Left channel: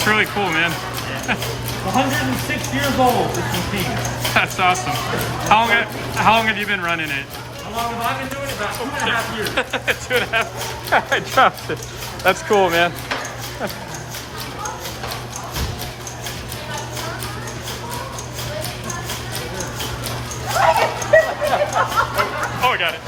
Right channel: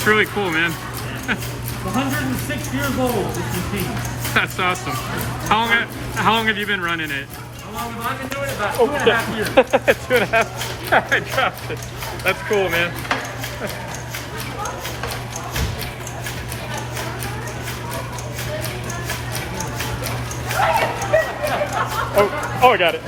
That's really cool, man. Yeah. 106 years old, this machine. That's awesome. How long have you been running it? How long have I been doing it? About 2.5 years. 2.5. I dropped it. That's cool, man. Oh, I got it.